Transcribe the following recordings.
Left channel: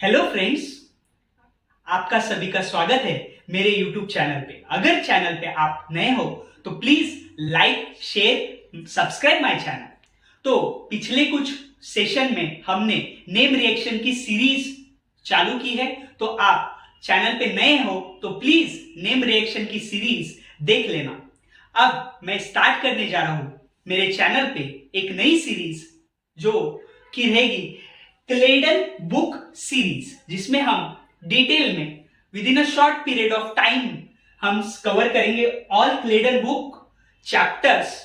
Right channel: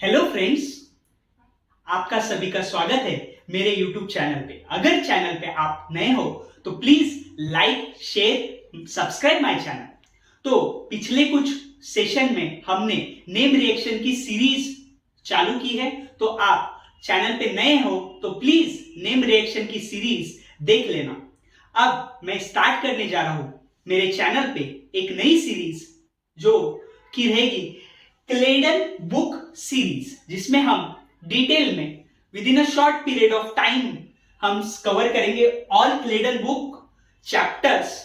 Hello friends, आपका सभी का स्वागत है मेरे YouTube चैनल पे। अगर चैनल पे आप नए हो तो please like, share, subscribe my channel. तो पिछले कुछ सेशन में हमने नेम रिएक्शन की सीरीज चालू की है, तो आप चैनल पे नए हो तो प्लीज नेम रिएक्शन की सीरीज देख लेना। अब मैं स्टार्ट करने जा रहा हूं मेरे चैनल पे एक नई सीरीज जो कि रहेगी क्लेडन बुक सीरीज, जिसमें हम डिटेल में with in a short period of time हम कवर करेंगे ऑल क्लेडन बुक चैप्टर्स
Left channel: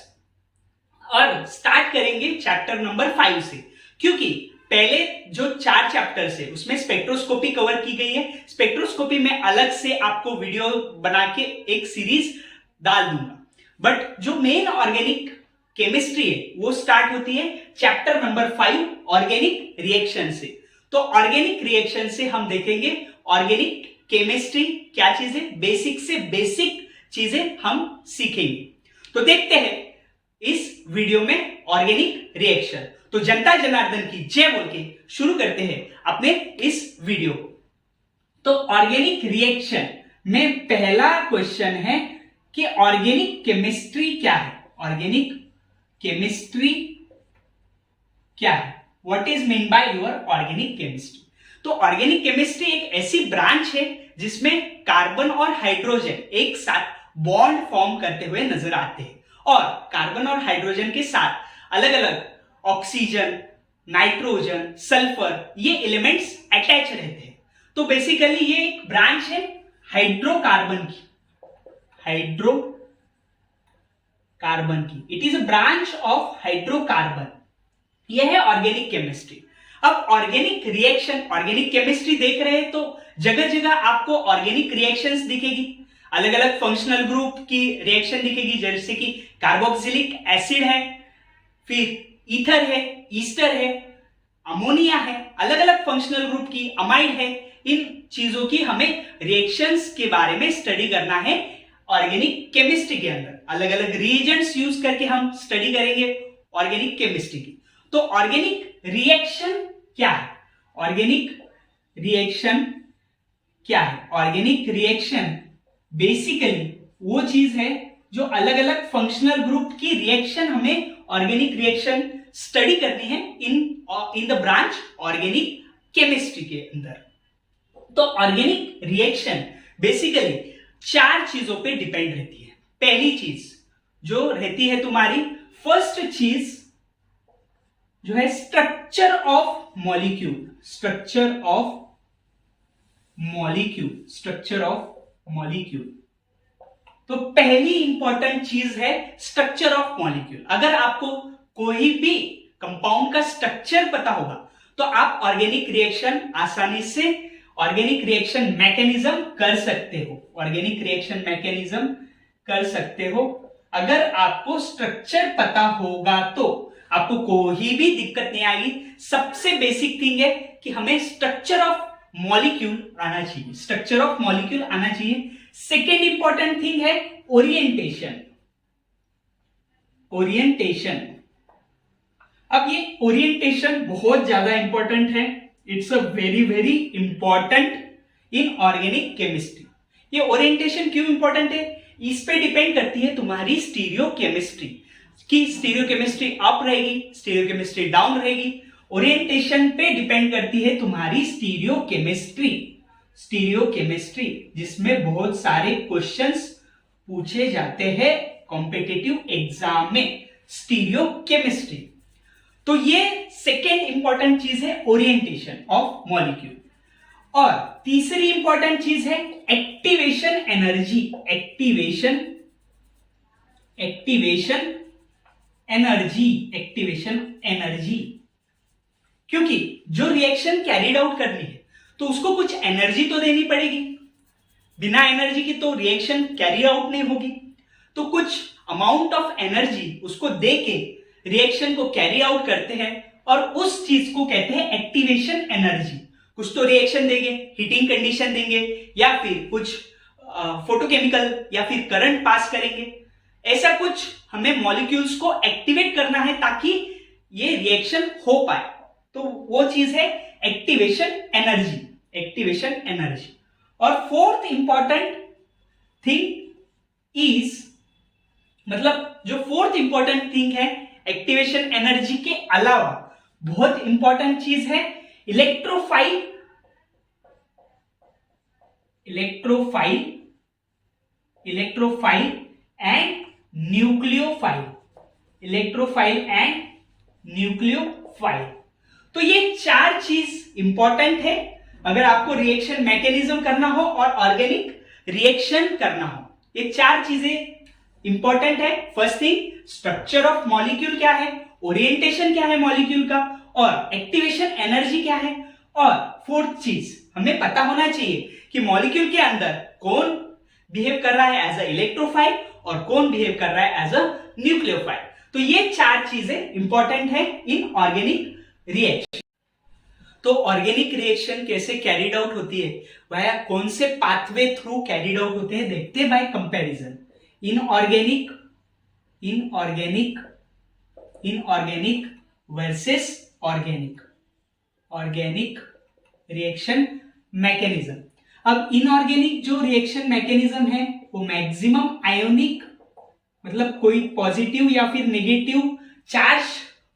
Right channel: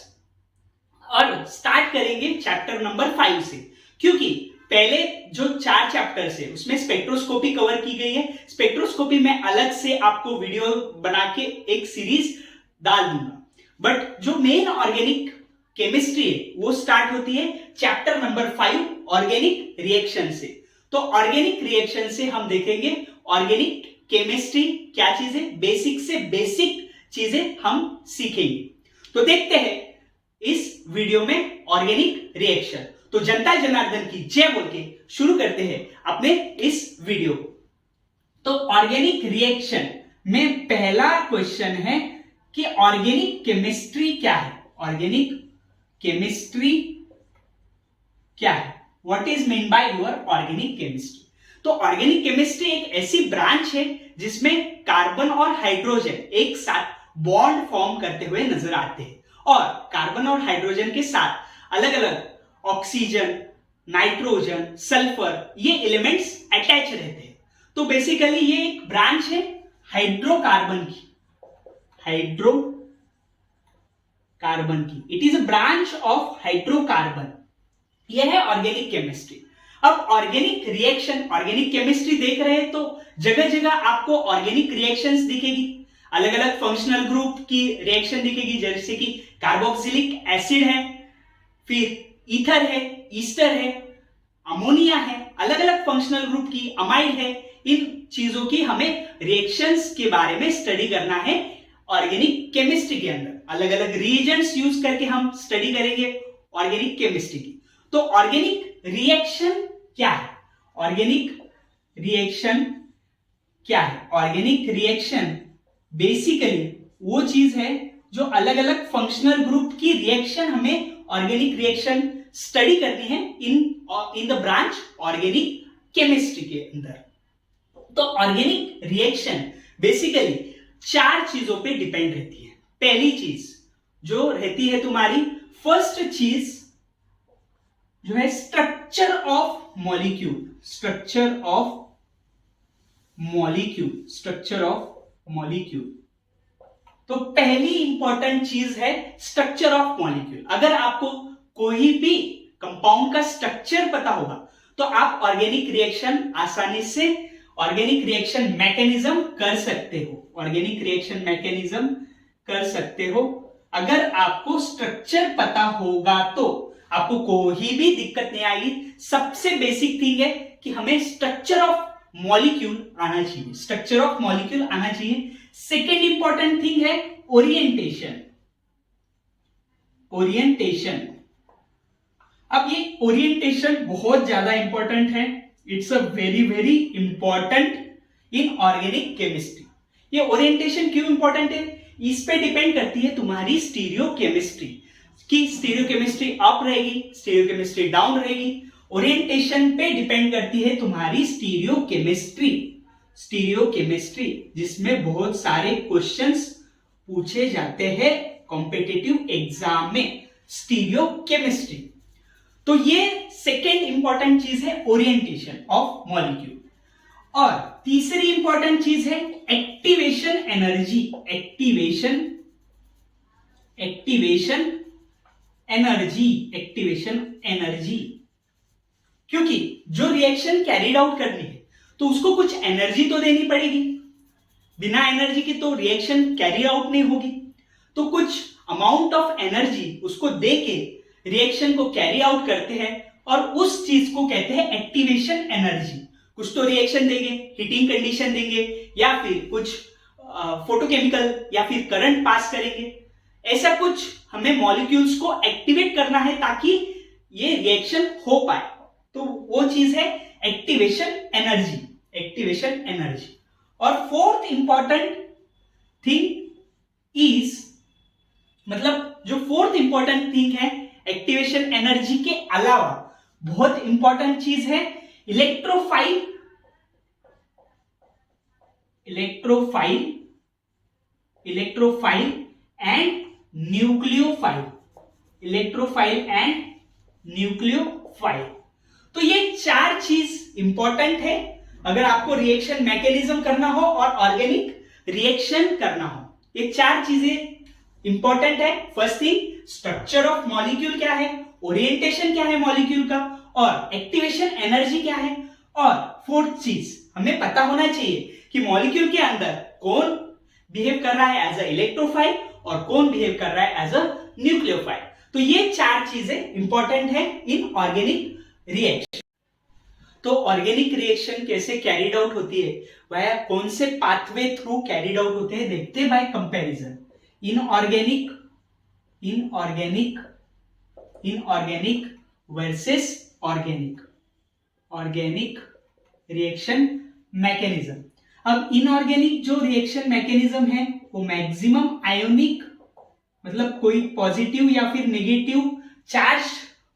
और स्टार्ट करेंगे चैप्टर नंबर 5 से, क्योंकि पहले जो 4 चैप्टर्स है उसमें स्पेक्ट्रोस्कोपी कवर की गई है। स्पेक्ट्रोस्कोपी में अलग से आपको वीडियो बना के एक सीरीज डाल दूंगा, बट जो मेन ऑर्गेनिक केमिस्ट्री है वो स्टार्ट होती है चैप्टर नंबर 5 ऑर्गेनिक रिएक्शन से। तो ऑर्गेनिक रिएक्शन से हम देखेंगे ऑर्गेनिक केमिस्ट्री क्या चीज है, बेसिक से बेसिक चीजें हम सीखेंगे। तो देखते हैं इस वीडियो में ऑर्गेनिक रिएक्शन। तो जनता जनार्दन की जय बोल के शुरू करते हैं अपने इस वीडियो को। तो ऑर्गेनिक रिएक्शन में पहला क्वेश्चन है कि ऑर्गेनिक केमिस्ट्री क्या है। ऑर्गेनिक केमिस्ट्री क्या है, what is mean by your organic chemistry. तो ऑर्गेनिक केमिस्ट्री एक ऐसी ब्रांच है जिसमें कार्बन और हाइड्रोजन एक साथ बॉन्ड फॉर्म करते हुए नजर आते हैं, और कार्बन और हाइड्रोजन के साथ अलग अलग ऑक्सीजन, नाइट्रोजन, सल्फर ये एलिमेंट्स अटैच रहते हैं। तो बेसिकली ये एक ब्रांच है हाइड्रोकार्बन की, हाइड्रोकार्बन की। It is a branch of hydrocarbon. यह है ऑर्गेनिक केमिस्ट्री। अब ऑर्गेनिक रिएक्शन, ऑर्गेनिक केमिस्ट्री देख रहे हैं तो जगह जगह आपको ऑर्गेनिक रिएक्शंस दिखेगी, अलग अलग फंक्शनल ग्रुप की रिएक्शन दिखेगी, जैसे कि कार्बोक्सिलिक एसिड है, फिर ईथर है, ईस्टर है, अमोनिया है, अलग अलग फंक्शनल ग्रुप की, अमाइड है। इन चीजों की हमें रिएक्शंस के बारे में स्टडी करना है ऑर्गेनिक केमिस्ट्री के अंदर। अलग अलग रिएजेंट्स यूज करके हम स्टडी करेंगे ऑर्गेनिक केमिस्ट्री की। तो ऑर्गेनिक रिएक्शन क्या है, ऑर्गेनिक रिएक्शन क्या है? ऑर्गेनिक रिएक्शन बेसिकली वो चीज है जो अलग अलग फंक्शनल ग्रुप की रिएक्शन, हमें ऑर्गेनिक रिएक्शन स्टडी करनी है in the branch organic chemistry के अंदर। तो ऑर्गेनिक रिएक्शन बेसिकली 4 चीजों पे डिपेंड रहती है। पहली चीज जो रहती है तुम्हारी, फर्स्ट चीज जो है structure of molecule, structure of molecule, structure of molecule. तो पहली इंपॉर्टेंट चीज है स्ट्रक्चर ऑफ मॉलिक्यूल। अगर आपको कोई भी कंपाउंड का स्ट्रक्चर पता होगा तो आप ऑर्गेनिक रिएक्शन आसानी से, ऑर्गेनिक रिएक्शन मैकेनिज्म कर सकते हो, ऑर्गेनिक रिएक्शन मैकेनिज्म कर सकते हो। अगर आपको स्ट्रक्चर पता होगा तो आपको कोई भी दिक्कत नहीं आएगी। सबसे बेसिक थिंग है कि हमें स्ट्रक्चर ऑफ मॉलिक्यूल आना चाहिए, स्ट्रक्चर ऑफ मॉलिक्यूल आना चाहिए। सेकेंड इंपॉर्टेंट थिंग है ओरिएंटेशन, ओरिएंटेशन। अब ये ओरिएंटेशन बहुत ज्यादा इंपॉर्टेंट है, it's a very very important in organic chemistry. ये ओरिएंटेशन क्यों इंपॉर्टेंट है? इस पे डिपेंड करती है तुम्हारी स्टीरियो केमिस्ट्री, कि स्टीरियो केमिस्ट्री अप रहेगी, स्टीरियो केमिस्ट्री डाउन रहेगी। ओरिएंटेशन पे डिपेंड करती है तुम्हारी स्टीरियो केमिस्ट्री, स्टीरियो केमिस्ट्री जिसमें बहुत सारे क्वेश्चंस पूछे जाते हैं कॉम्पिटिटिव एग्जाम में, स्टीरियो केमिस्ट्री। तो ये सेकेंड इंपॉर्टेंट चीज है ओरिएंटेशन ऑफ मॉलिक्यूल। और तीसरी इंपॉर्टेंट चीज है activation energy, activation energy, activation energy. क्योंकि जो रिएक्शन कैरिड आउट करनी है तो उसको कुछ एनर्जी तो देनी पड़ेगी, बिना एनर्जी की तो रिएक्शन कैरी आउट नहीं होगी। तो कुछ अमाउंट ऑफ एनर्जी उसको देके रिएक्शन को कैरी आउट करते हैं, और उस चीज को कहते हैं एक्टिवेशन एनर्जी। कुछ तो रिएक्शन देंगे, हीटिंग कंडीशन देंगे, या फिर कुछ फोटोकेमिकल या फिर करंट पास करेंगे। ऐसा कुछ हमें मॉलिक्यूल्स को एक्टिवेट करना है ताकि ये रिएक्शन हो पाए। तो वो चीज है एक्टिवेशन एनर्जी। Activation energy. और फोर्थ इंपॉर्टेंट थिंग इज, मतलब जो फोर्थ इंपॉर्टेंट थिंग है एक्टिवेशन एनर्जी के अलावा बहुत इंपॉर्टेंट चीज है electrophile and nucleophile. Electrophile and nucleophile, तो ये चार चीज इंपॉर्टेंट है अगर आपको रिएक्शन मैकेनिज्म करना हो और ऑर्गेनिक रिएक्शन करना हो। ये चार चीजें इंपॉर्टेंट है। First thing, structure of molecule क्या है, ओरिएंटेशन क्या है मॉलिक्यूल का, और एक्टिवेशन एनर्जी क्या है, और फोर्थ चीज हमें पता होना चाहिए कि मॉलिक्यूल के अंदर कौन बिहेव कर रहा है एज अ इलेक्ट्रोफाइल और कौन बिहेव कर रहा है एज अ न्यूक्लियोफाइल। तो ये चार चीजें इंपॉर्टेंट है इन ऑर्गेनिक रिएक्शन। तो ऑर्गेनिक रिएक्शन कैसे कैरिड आउट होती है, वह कौन से पाथवे थ्रू कैरिड आउट होते हैं, देखते हैं bye comparison. Inorganic versus organic reaction mechanism. अब इनऑर्गेनिक जो रिएक्शन मैकेनिज्म है वो मैक्सिमम आयोनिक, मतलब कोई पॉजिटिव या फिर नेगेटिव चार्ज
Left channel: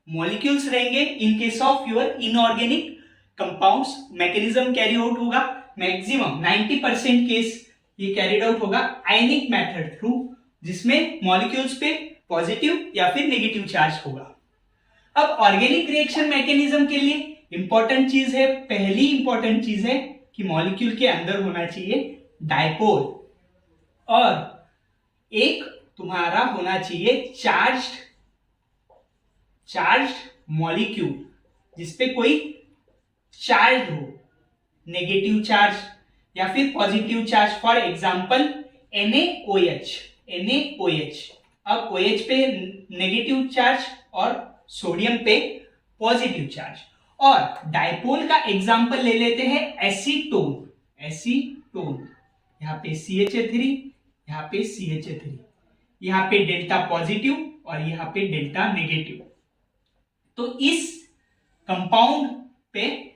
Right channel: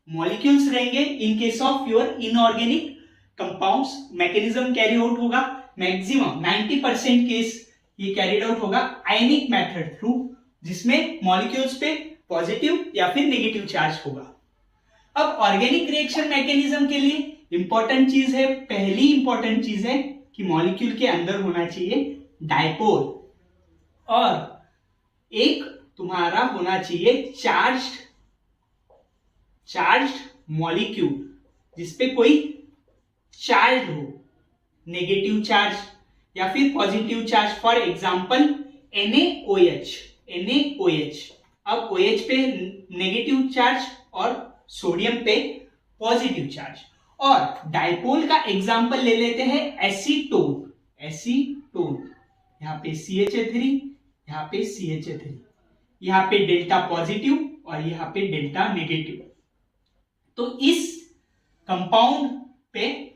मॉलिक्यूल्स रहेंगे in case of your inorganic compounds. Mechanism carry out होगा मैक्सिमम 90% केस ये कैरिड आउट होगा आयनिक मेथड थ्रू, जिसमें मॉलिक्यूल्स पे पॉजिटिव या फिर नेगेटिव चार्ज होगा। अब ऑर्गेनिक रिएक्शन मैकेनिज्म के लिए इंपॉर्टेंट चीज है, पहली इंपॉर्टेंट चीज है कि मॉलिक्यूल के अंदर होना चाहिए डायपोल, और एक तुम्हारा होना चाहिए चार्ज्ड मॉलिक्यूल जिसपे कोई चार्ज हो, नेगेटिव चार्ज या फिर positive charge. For example NaOH। अब OH पे नेगेटिव चार्ज और सोडियम पे पॉजिटिव चार्ज। और डायपोल का एग्जांपल ले लेते हैं एसीटोन। यहां पे CH3, यहां पे CH3, यहां पे डेल्टा पॉजिटिव और यहां पे डेल्टा नेगेटिव। तो इस कंपाउंड पे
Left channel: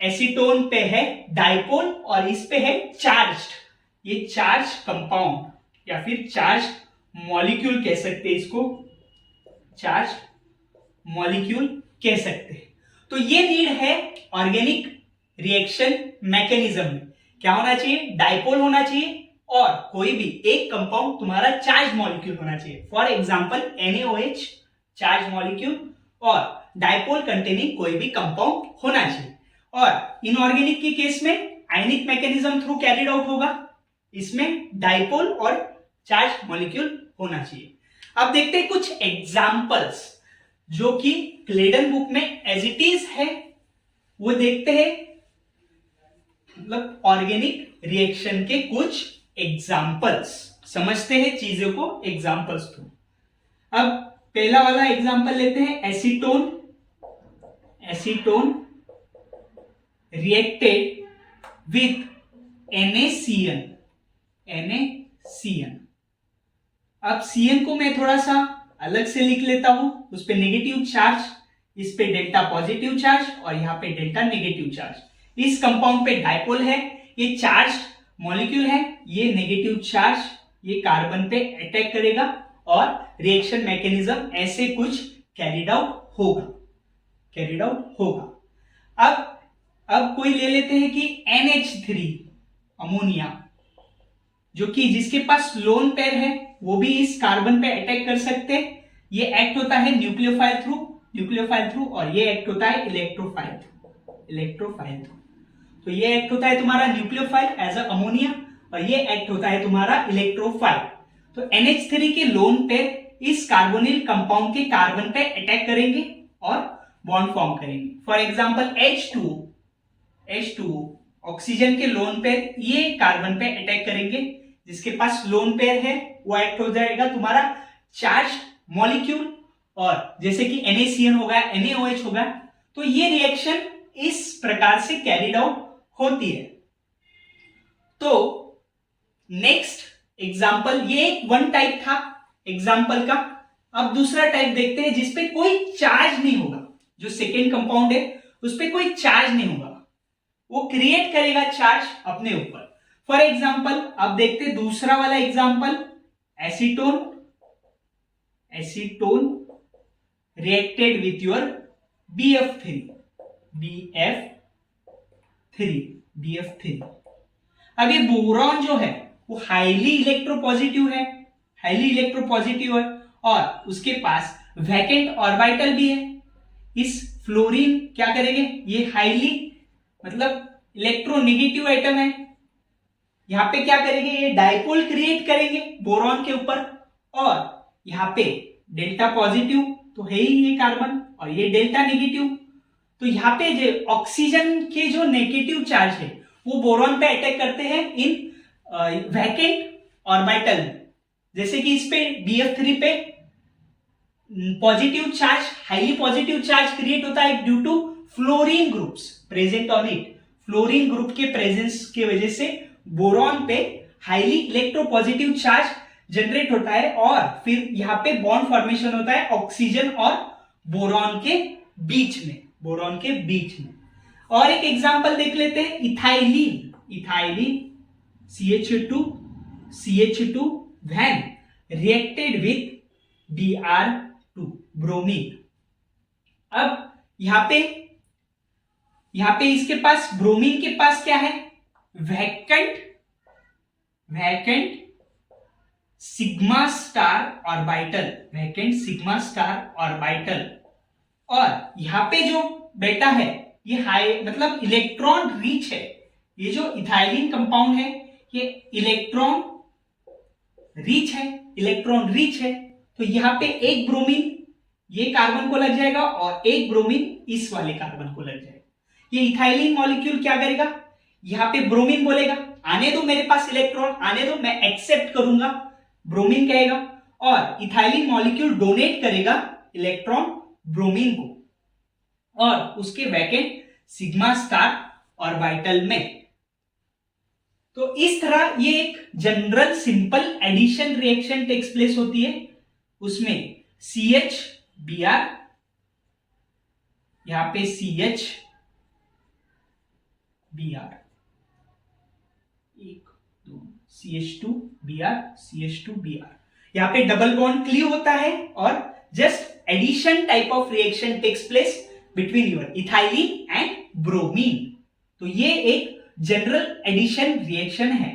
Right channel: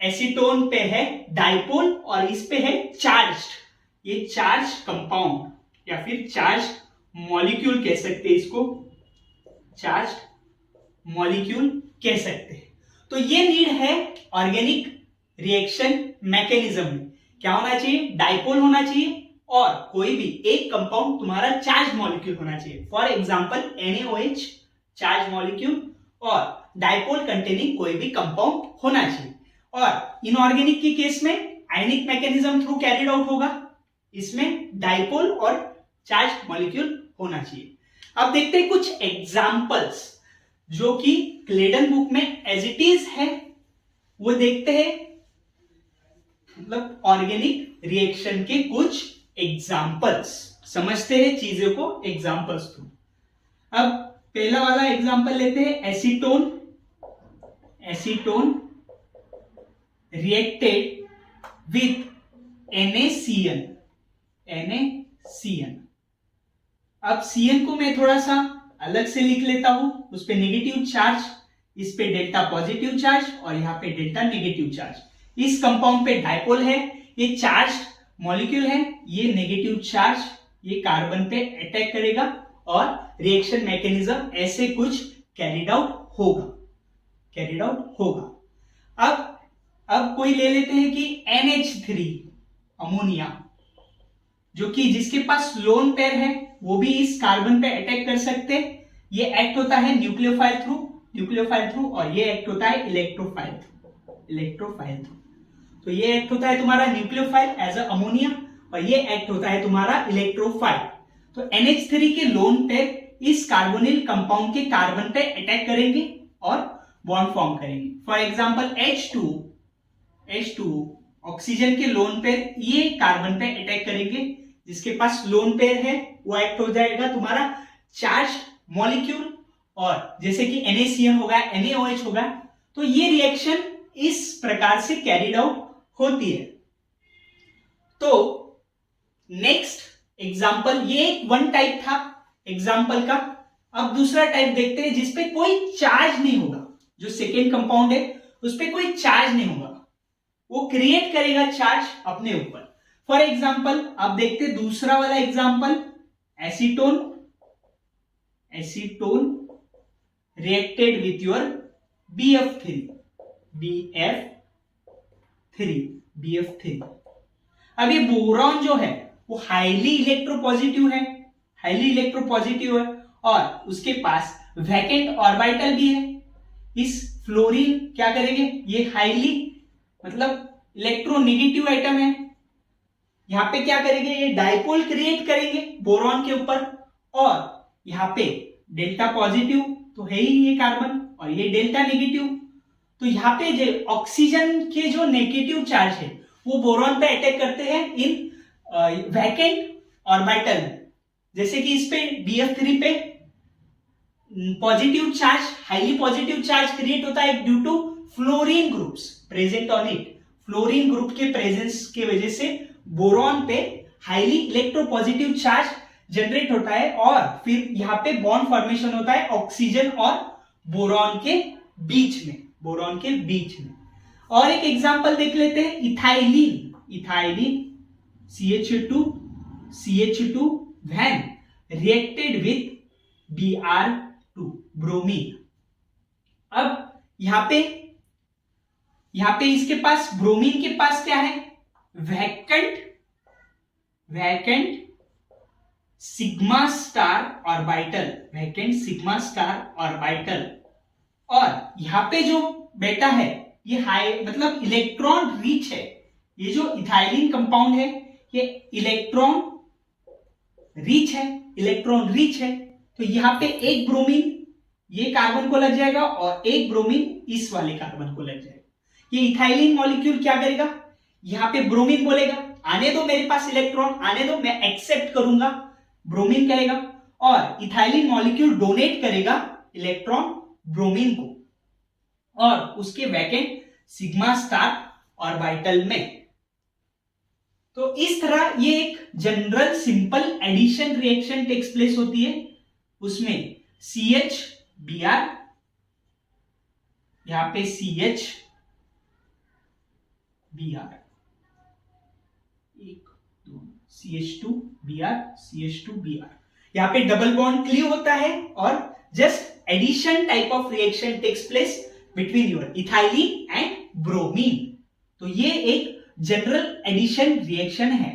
एसीटोन पे है डायपोल और इस पे है चार्ज्ड। ये चार्ज कंपाउंड या फिर चार्ज मॉलिक्यूल कह सकते हैं, इसको चार्ज मॉलिक्यूल कह सकते हैं। तो ये नीड है ऑर्गेनिक रिएक्शन मैकेनिज्म में। क्या होना चाहिए, डायपोल होना चाहिए और कोई भी एक कंपाउंड तुम्हारा चार्ज मॉलिक्यूल होना चाहिए। For example NaOH charge molecule और डायपोल कंटेनिंग कोई भी कंपाउंड होना चाहिए। और इनऑर्गेनिक के केस में आयनिक मैकेनिज्म थ्रू कैरिड आउट होगा, इसमें डायपोल और चार्ज मॉलिक्यूल होना चाहिए। अब देखते हैं कुछ एग्जांपल्स जो कि क्लेडन बुक में एज इट इज है, वो देखते हैं, मतलब ऑर्गेनिक रिएक्शन के कुछ एग्जांपल्स, समझते हैं चीजों को एग्जांपल्स थ्रू। अब पहला वाला एग्जांपल लेते हैं एसीटोन रिएक्टेड विथ NaCN। अब CN को मैं थोड़ा सा अलग से लिख लेता हूं, उस पे नेगेटिव चार्ज, इस पे डेल्टा पॉजिटिव चार्ज और यहां पे डेल्टा नेगेटिव चार्ज। इस कंपाउंड पे डायपोल है, ये चार्ज मॉलिक्यूल है, ये नेगेटिव चार्ज ये कार्बन पे अटैक करेगा और रिएक्शन मैकेनिज्म ऐसे कुछ कैरिड आउट होगा। अब कोई ले लेते हैं कि NH3 अमोनिया, जो कि जिसके पास लोन पेयर है वो भी इस कार्बन पे अटैक कर सकते हैं। ये एक्ट होता है न्यूक्लियोफाइल थ्रू और ये एक्ट होता है इलेक्ट्रोफाइल थ्रू। तो ये एक्ट होता है तुम्हारा न्यूक्लियोफाइल एज अ अमोनिया और ये एक्ट होता है तुम्हारा इलेक्ट्रोफाइल। तो NH3 के लोन पेयर इस कार्बोनिल कंपाउंड के कार्बन पे अटैक करेंगे और बॉन्ड फॉर्म करेंगे। फॉर एग्जांपल H2O ऑक्सीजन के लोन पेयर ये कार्बन पे अटैक करेंगे, जिसके पास लोन पेयर है वो एक्ट हो जाएगा तुम्हारा चार्ज मॉलिक्यूल, और जैसे कि NaCN होगा, NaOH होगा। तो ये रिएक्शन इस प्रकार से कैरिड आउट होती है। तो नेक्स्ट एग्जांपल, ये एक वन टाइप था एग्जांपल का। अब दूसरा टाइप देखते हैं जिसपे कोई चार्ज नहीं होगा, जो सेकेंड कंपाउंड है उस पे कोई चार्ज नहीं होगा। वो क्रिएट करेगा चार्ज अपने ऊपर। फॉर एग्जाम्पल अब देखते दूसरा वाला example, acetone reacted with your BF3। अब ये बोरॉन जो है वो हाईली इलेक्ट्रोपॉजिटिव है और उसके पास वैकेंट ऑर्बिटल भी है। इस फ्लोरीन क्या करेंगे, ये हाईली मतलब इलेक्ट्रोनेगेटिव आइटम है, यहां पे क्या करेंगे, ये डायपोल क्रिएट करेंगे बोरॉन के ऊपर, और यहां पे डेल्टा पॉजिटिव तो है ही ये कार्बन और ये डेल्टा नेगेटिव, तो यहाँ पे जो ऑक्सीजन के जो नेगेटिव चार्ज है वो बोरॉन पे अटैक करते हैं इन वैकेंट ऑर्बिटल। जैसे कि इस पे BF3 पे positive charge, highly positive charge create होता है due to fluorine groups present on it. Fluorine group के प्रेजेंस की वजह से बोरॉन पे हाईली इलेक्ट्रोपॉजिटिव चार्ज जनरेट होता है और फिर यहां पे बॉन्ड फॉर्मेशन होता है ऑक्सीजन और बोरॉन के बीच में। और एक एग्जांपल देख लेते हैं, ethylene CH2 when reacted with Br2 bromine. अब यहां पे इसके पास ब्रोमीन के पास क्या है, वैकेंट सिग्मा स्टार ऑर्बिटल, और यहां पे जो बेटा है ये हाई मतलब इलेक्ट्रॉन रिच है। ये जो इथाइलिन कंपाउंड है ये इलेक्ट्रॉन रिच है, तो यहां पे एक ब्रोमीन ये कार्बन को लग जाएगा और एक ब्रोमीन इस वाले कार्बन को लग जाएगा। ये इथाइलिन मॉलिक्यूल क्या करेगा, यहां पे ब्रोमीन बोलेगा आने दो मेरे पास इलेक्ट्रॉन, आने दो, मैं एक्सेप्ट करूंगा, ब्रोमीन कहेगा, और इथाइलिन मॉलिक्यूल डोनेट करेगा इलेक्ट्रॉन ब्रोमीन को और उसके वैकेंट सिग्मा स्टार ऑर्बिटल में। तो इस तरह ये एक general simple addition reaction takes place होती है। उसमें CHBr, यहां पे CHBr, CH2Br, यहां पे डबल बॉन्ड क्लीव होता है और just addition type of reaction takes place between your ethylene and bromine. तो ये एक जनरल एडिशन रिएक्शन है।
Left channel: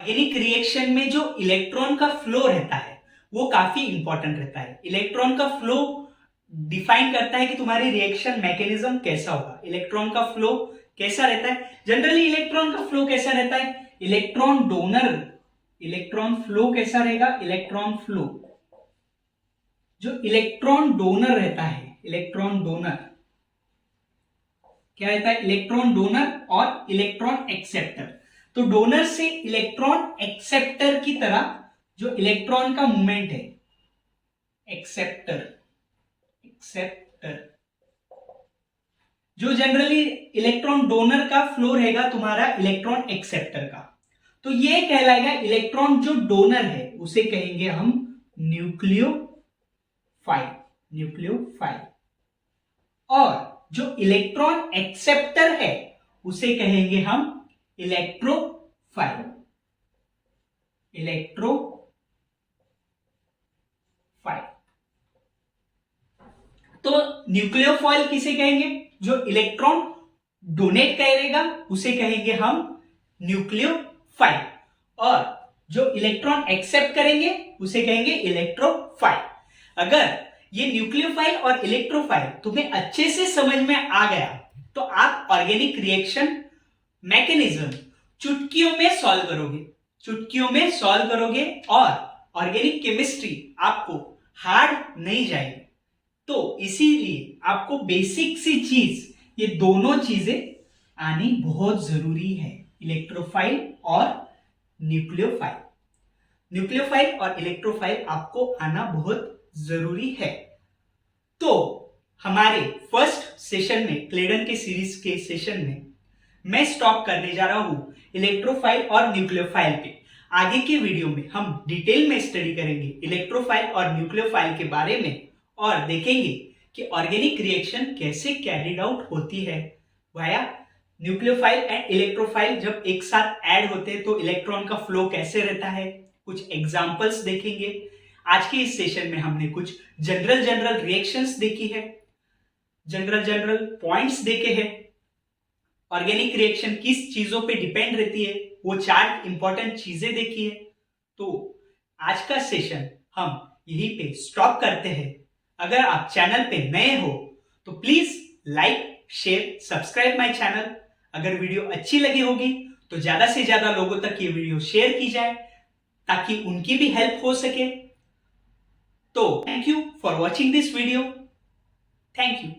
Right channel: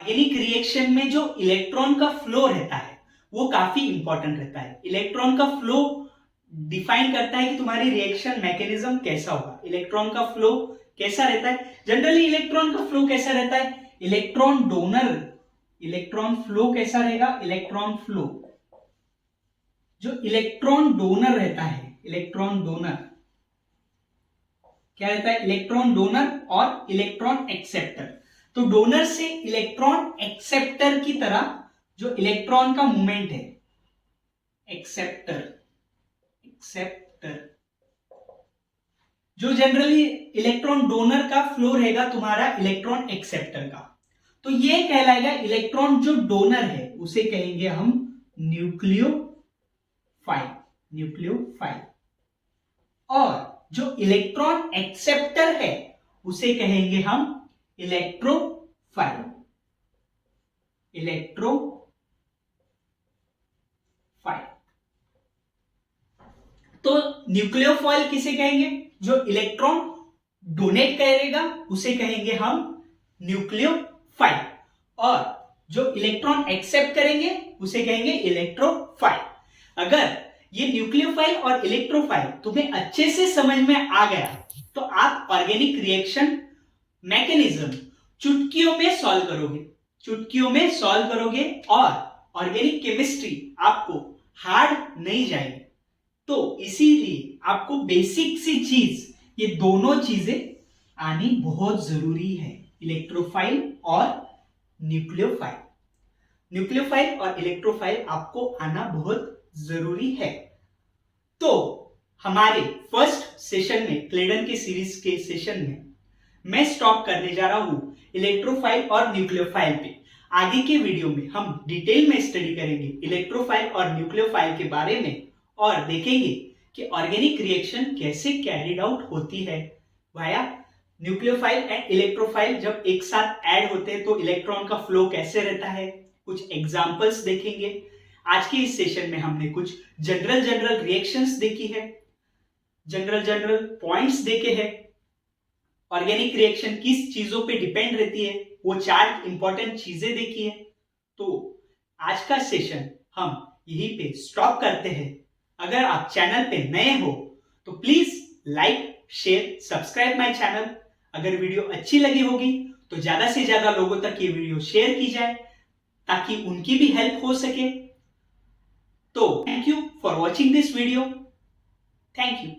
ऑर्गेनिक रिएक्शन में जो इलेक्ट्रॉन का फ्लो रहता है वो काफी इंपॉर्टेंट रहता है। इलेक्ट्रॉन का फ्लो डिफाइन करता है कि तुम्हारी रिएक्शन मैकेनिज्म कैसा होगा। इलेक्ट्रॉन का फ्लो कैसा रहता है, जनरली इलेक्ट्रॉन का फ्लो कैसा रहता है, इलेक्ट्रॉन फ्लो कैसा रहेगा, इलेक्ट्रॉन फ्लो जो इलेक्ट्रॉन डोनर रहता है, इलेक्ट्रॉन डोनर क्या रहता है, इलेक्ट्रॉन डोनर और इलेक्ट्रॉन एक्सेप्टर। तो डोनर से इलेक्ट्रॉन एक्सेप्टर की तरह जो इलेक्ट्रॉन का मूवमेंट है, एक्सेप्टर जो जनरली इलेक्ट्रॉन डोनर का फ्लो रहेगा तुम्हारा इलेक्ट्रॉन एक्सेप्टर का, तो ये कहलाएगा इलेक्ट्रॉन जो डोनर है उसे कहेंगे हम न्यूक्लियोफाइल, और जो इलेक्ट्रॉन एक्सेप्टर है उसे कहेंगे हम इलेक्ट्रोफाइल। तो न्यूक्लियोफाइल किसे कहेंगे, जो इलेक्ट्रॉन डोनेट करेगा उसे कहेंगे हम न्यूक्लियोफाइल, और जो इलेक्ट्रॉन एक्सेप्ट करेंगे उसे कहेंगे इलेक्ट्रोफाइल। अगर ये न्यूक्लियोफाइल और इलेक्ट्रोफाइल तुम्हें अच्छे से समझ में आ गया तो आप ऑर्गेनिक रिएक्शन मैकेनिज्म चुटकियों में सॉल्व करोगे और ऑर्गेनिक केमिस्ट्री आपको हार्ड नहीं जाएगी। तो इसीलिए आपको बेसिक सी चीज, ये दोनों चीजें आनी बहुत जरूरी है, इलेक्ट्रोफाइल और न्यूक्लियोफाइल और इलेक्ट्रोफाइल आपको आना बहुत जरूरी है। तो हमारे फर्स्ट सेशन में, क्लेडन के सीरीज के सेशन में मैं स्टॉप करने जा रहा हूं इलेक्ट्रोफाइल और न्यूक्लियोफाइल पे। आगे के वीडियो में हम डिटेल में स्टडी करेंगे इलेक्ट्रोफाइल और न्यूक्लियोफाइल के बारे में और देखेंगे कि ऑर्गेनिक रिएक्शन कैसे कैरिड आउट होती है वाया न्यूक्लियोफाइल एंड इलेक्ट्रोफाइल जब एक साथ ऐड होते हैं तो इलेक्ट्रॉन का फ्लो कैसे रहता है, कुछ एग्जांपल्स देखेंगे। आज के इस सेशन में हमने कुछ जनरल रिएक्शंस देखी है, जनरल पॉइंट्स देखे हैं, ऑर्गेनिक रिएक्शन किस चीजों पे डिपेंड रहती है वो 4 इंपॉर्टेंट चीजें देखी है। तो आज का सेशन हम यहीं पे स्टॉप करते हैं। अगर आप चैनल पे नए हो तो please like share subscribe my channel. अगर वीडियो अच्छी लगी होगी तो ज्यादा से ज्यादा लोगों तक ये वीडियो शेयर की जाए ताकि उनकी भी हेल्प हो सके। तो thank you for watching this video. Thank you.